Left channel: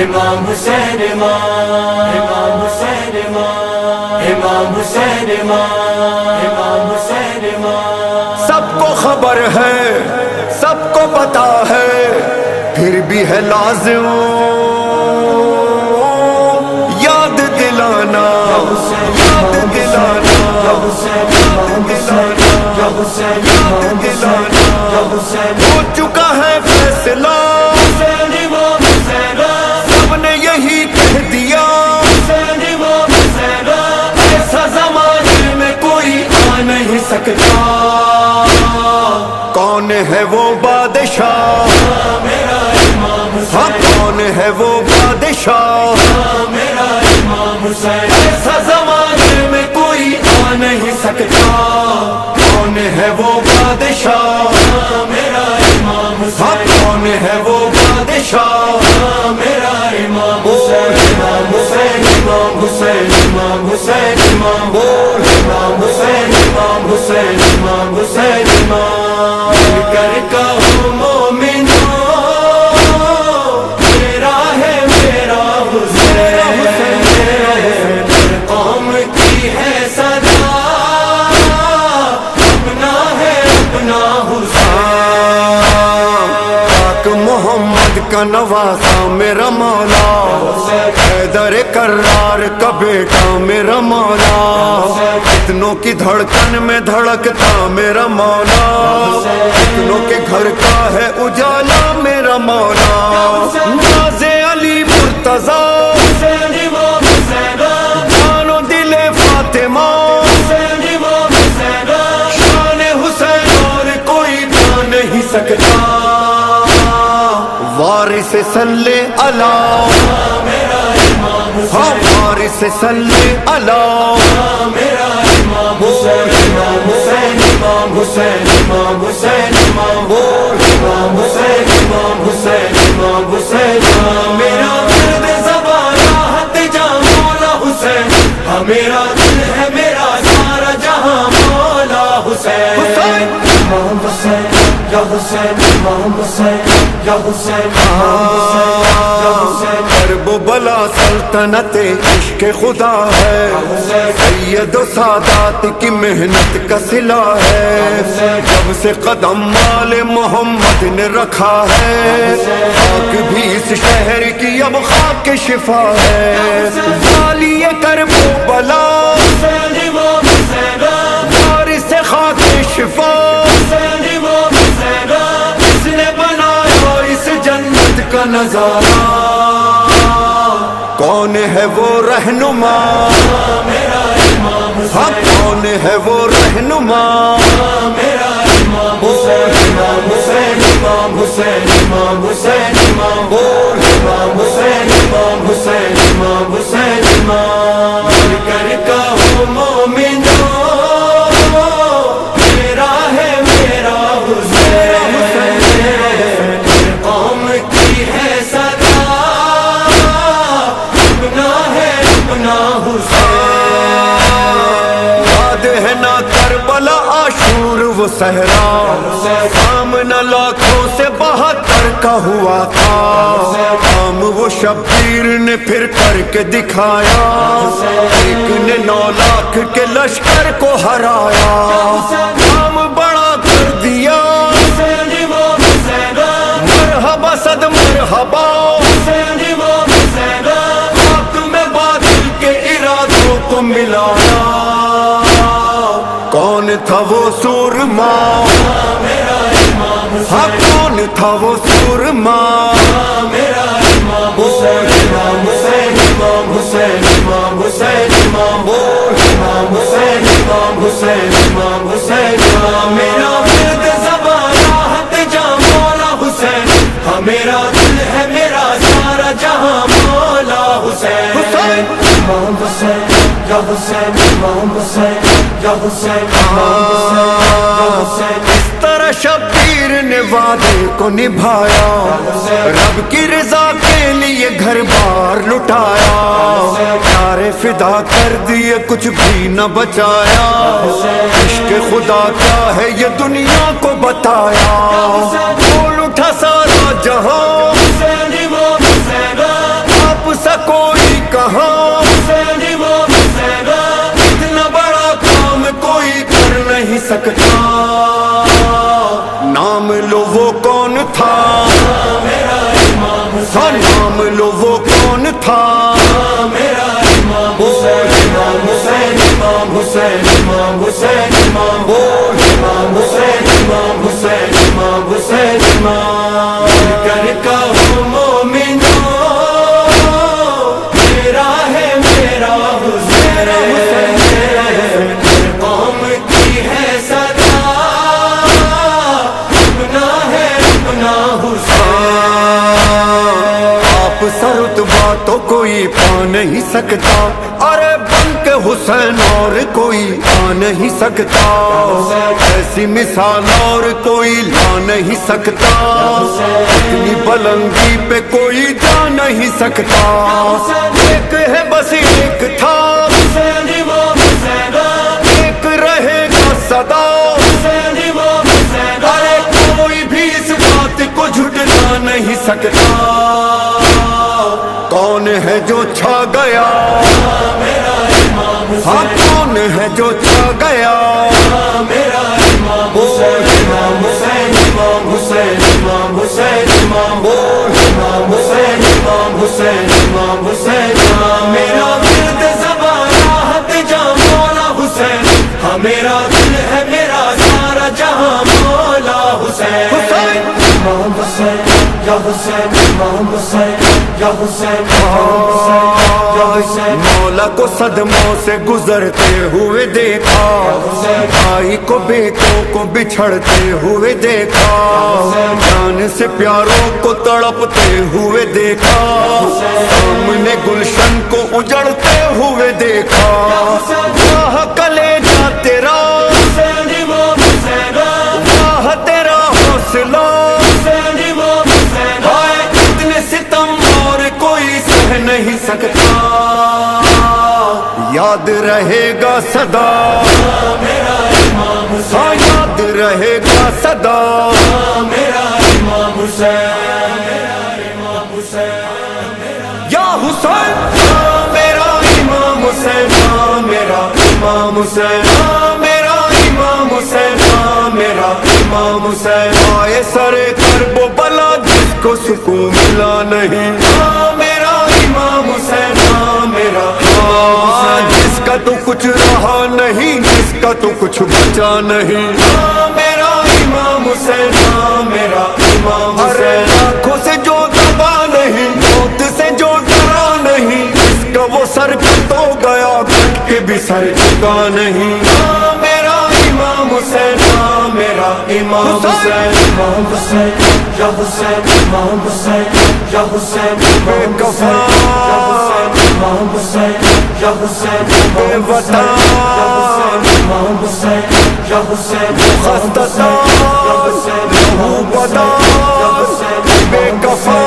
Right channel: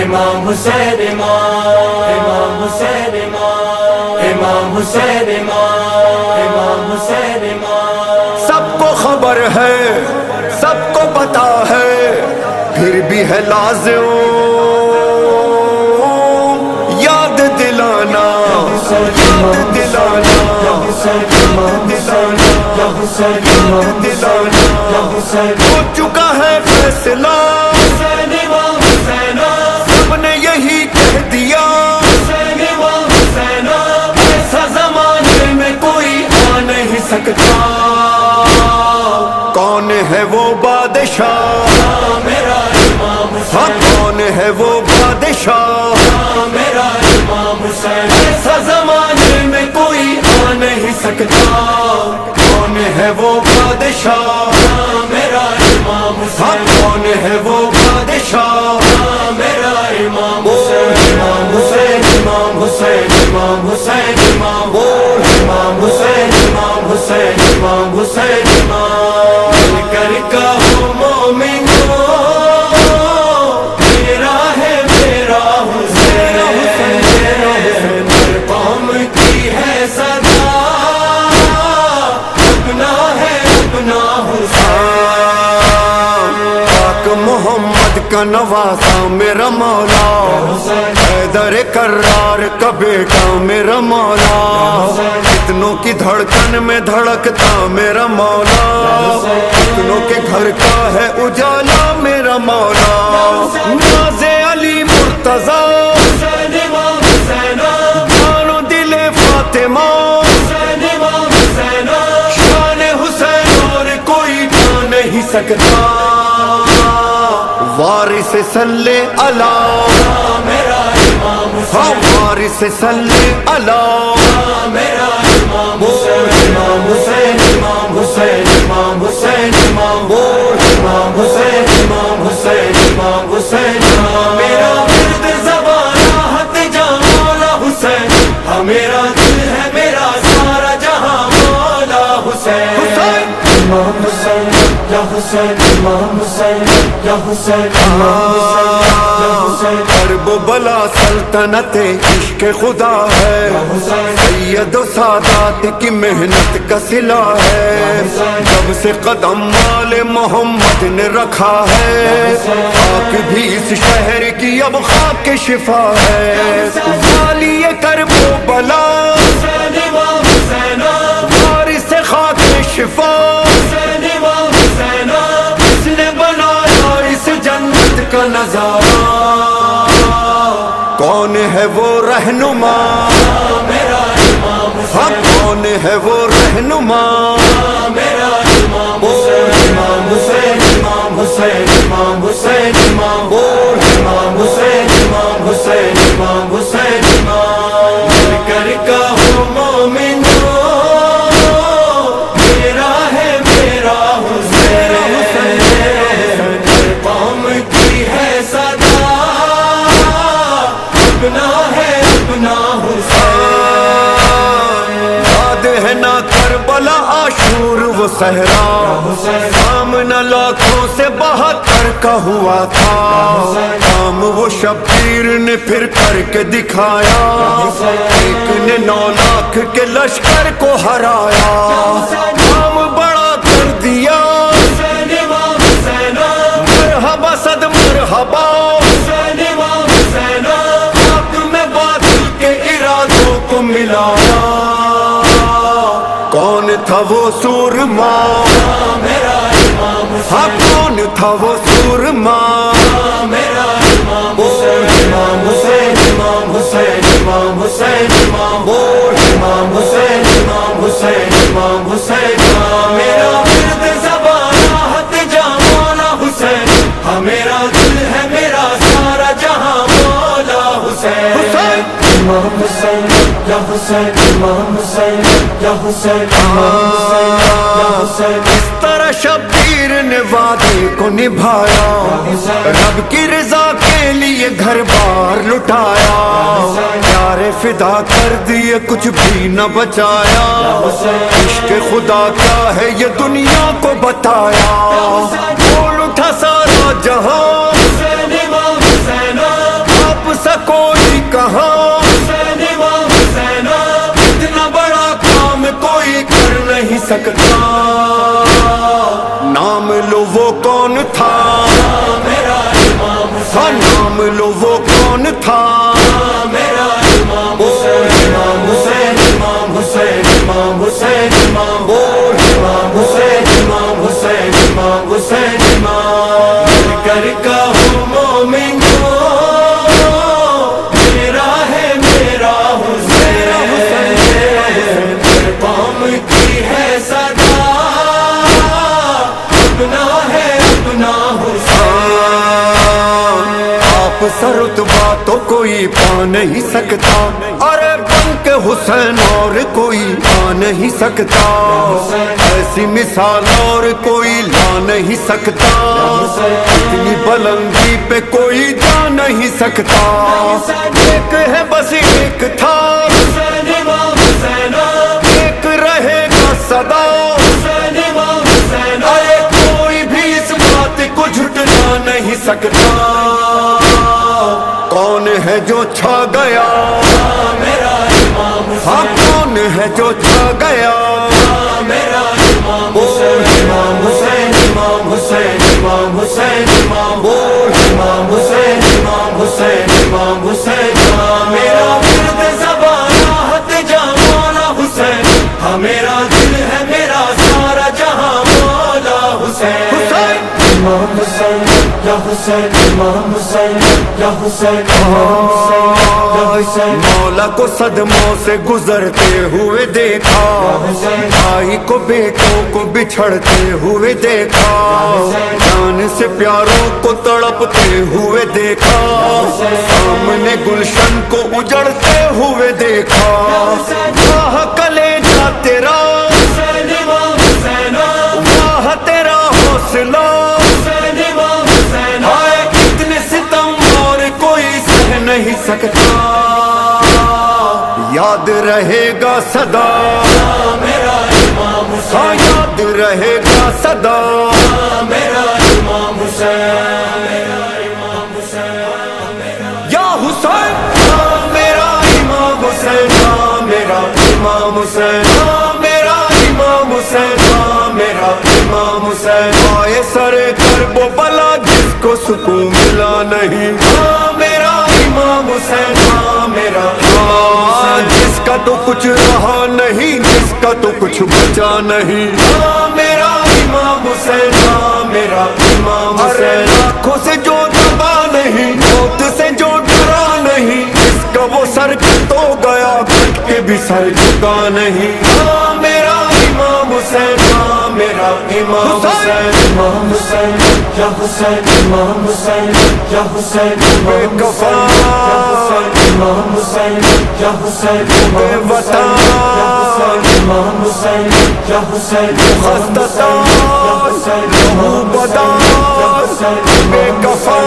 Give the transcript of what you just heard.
امام حسین امام حسین امام حسین امام حسین سب کو خبر ہے، سب کو پتا ہے، پھر بھی ہے لازم یاد دلانا، یاد دلانا، یاد دلانا، یاد دلانا۔ ہو چکا ہے فیصلہ، سب نے یہی کہہ دیا، ایسا زمانے میں کوئی آ نہیں سکتا۔ کون ہے وہ بادشاہ، ہاں کون ہے وہ بادشاہ، ایسا زمانے میں کوئی آ نہیں سکتا۔ کون ہے وہ بادشاہ، ہاں کون ہے وہ بادشاہ، امام حسین امام حسین امام حسین امام بول امام حسین امام حسین امام حسین امام مل کر کہو مومنو میرا ہے میرا حسین، ہر قوم کی ہے صدا، اپنا ہے اپنا حسین۔ پاک محمد کا نواسا میرا مولا، حیدر کرار کا بیٹا میرا مولا، کتنوں کی دھڑکن میں دھڑکتا میرا مولا، کتنوں کے گھر کا ہے اجالا میرا مولا۔ ناز علی مرتضی، جان و دل فاطمہ، شان حسین اور کوئی پا نہیں سکتا۔ وارث صلی اللہ، ہاں وارث صلی اللہ، بول امام حسین امام حسین امام حسین امام بول امام حسین امام حسین امام حسین۔ میرا ورد زبان راحت جہاں مولا حسین، ہاں میرا دل ہے میرا سارا جہاں مولا حسین۔ امام حسین یا حسین امام حسین یا حسین، کرب و بلا سلطنت عشق خدا ہے، سید و سادات کی محنت کا صلہ ہے، جب سے قدم مال محمد نے رکھا ہے، خاک بھی اس شہر کی اب خاک شفا ہے۔ والی کرب و بلا، وارث خاک شفا، اس نے بنایا اس جنت کا نظارہ۔ کون ہے وہ رہنما، ہاں کون ہے وہ رہنما، بول امام حسین امام حسین امام حسین امام بول امام حسین امام حسین امام حسین امام مل کر کہو مومنو میرا ہے میرا حسین، ہر قوم کی ہے صدا، اپنا ہے اپنا حسین۔ یاد ہے نا کربلا عاشور وہ صحرا، سامنا لاکھوں سے 72 کا ہوا تھا، کام وہ شبیر نے پھر کر کے دکھایا، ایک نے 9 لاکھ کے لشکر کو ہرایا، کام بڑا کر دیا، مرحبا صد مرحبا، خاک میں باطل کے ارادوں کو ملایا۔ کون تھا وہ سورما، ہاں کون تھا وہ سورما، بول امام حسین امام حسین امام حسین امام بول امام حسین امام حسین امام حسین۔ میرا ورد زبان راحت جہاں مولا حسین، ہاں میرا دل ہے میرا سارا جہاں مولا حسین۔ امام حسین یا حسین امام حسین یا حسین، اس طرح شبیر نے وعدے کو نبھایا، رب کی رضا کے لیے گھر بار لٹایا، پیارے فدا کر دیے کچھ بھی نہ بچایا، عشق خدا کیا ہے یہ دنیا کو بتایا، بول اٹھا سارا جہاں سا کوئی کہاں حسین امام حسین اتنا بڑا کام کوئی کر نہیں سکتا نام لو وہ کون تھا میرا امام ہاں نام لو وہ کون تھا میرا امام امام حسین امام حسین امام حسین امام بول امام حسین امام حسین امام حسین امام مل کر کہو مومنو میرا ہے میرا حسین قوم کی ہے صدا اپنا ہے اپنا حسین آپ سا رتبہ تو کوئی پا نہیں سکتا ارے بن کے حسین اور کوئی آ نہیں سکتا ایسی مثال اور کوئی لا نہیں سکتا اتنی بلندی پہ کوئی جا نہیں سکتا ایک ہے بس ایک تھا حسین امام حسین ایک رہے گا سدا حسین امام حسین ارے کوئی بھی اس بات کو جھٹلا نہیں سکتا کون ہے جو چھا گیا میرا امام ہاں حسین کون ہے جو چھا گیا میرا امام حسین امام حسین امام حسین امام حسین امام بول امام حسین امام حسین امام حسین میرا ورد زبان راحت جہاں مولا حسین ہاں میرا دل ہے میرا سارا جہاں مولا حسین حسین امام حسین یا حسین امام حسین یا حسین مولا کو صدموں سے گزرتے ہوئے دیکھا بھائی کو بیٹوں کو بچھڑتے ہوئے دیکھا جان سے پیاروں کو تڑپتے ہوئے دیکھا سامنے گلشن کو اجڑتے ہوئے دیکھا واہ کلیجہ تیرا حسین امام حسین واہ تیرا حوصلہ حسین امام حسین ہائے اتنے ستم اور کوئی سہ نہیں سکتا یاد رہے گا صدا میرا امام حسین ہاں یاد رہے گا صدا میرا امام حسین میرا امام حسین یا حسین ہاں میرا امام حسین ہاں میرا امام حسین ہاں میرا امام حسین ہاں میرا امام حسین آئے سرے کرب و بلا جس کو سکون ملا نہیں ہاں میرا امام حسین ہاں میرا ہاں جس کا تو کچھ رہا نہیں جس کا تو کچھ بچا نہیں ہاں میرا امام حسین ہاں میرا امام حسین آنکھوں سے جو دبا نہیں موت سے جو ڈرا نہیں جس کا وہ سر کٹ ہو گیا کٹ کے بھی سر جھکا نہیں ہاں میرا امام حسین ہاں میرا امام حسین امام حسین یا حسین امام حسین یا حسین بے کفا امام حسین یا حسین بے وطن امام حسین یا حسین خستہ لہو بدار بے کفا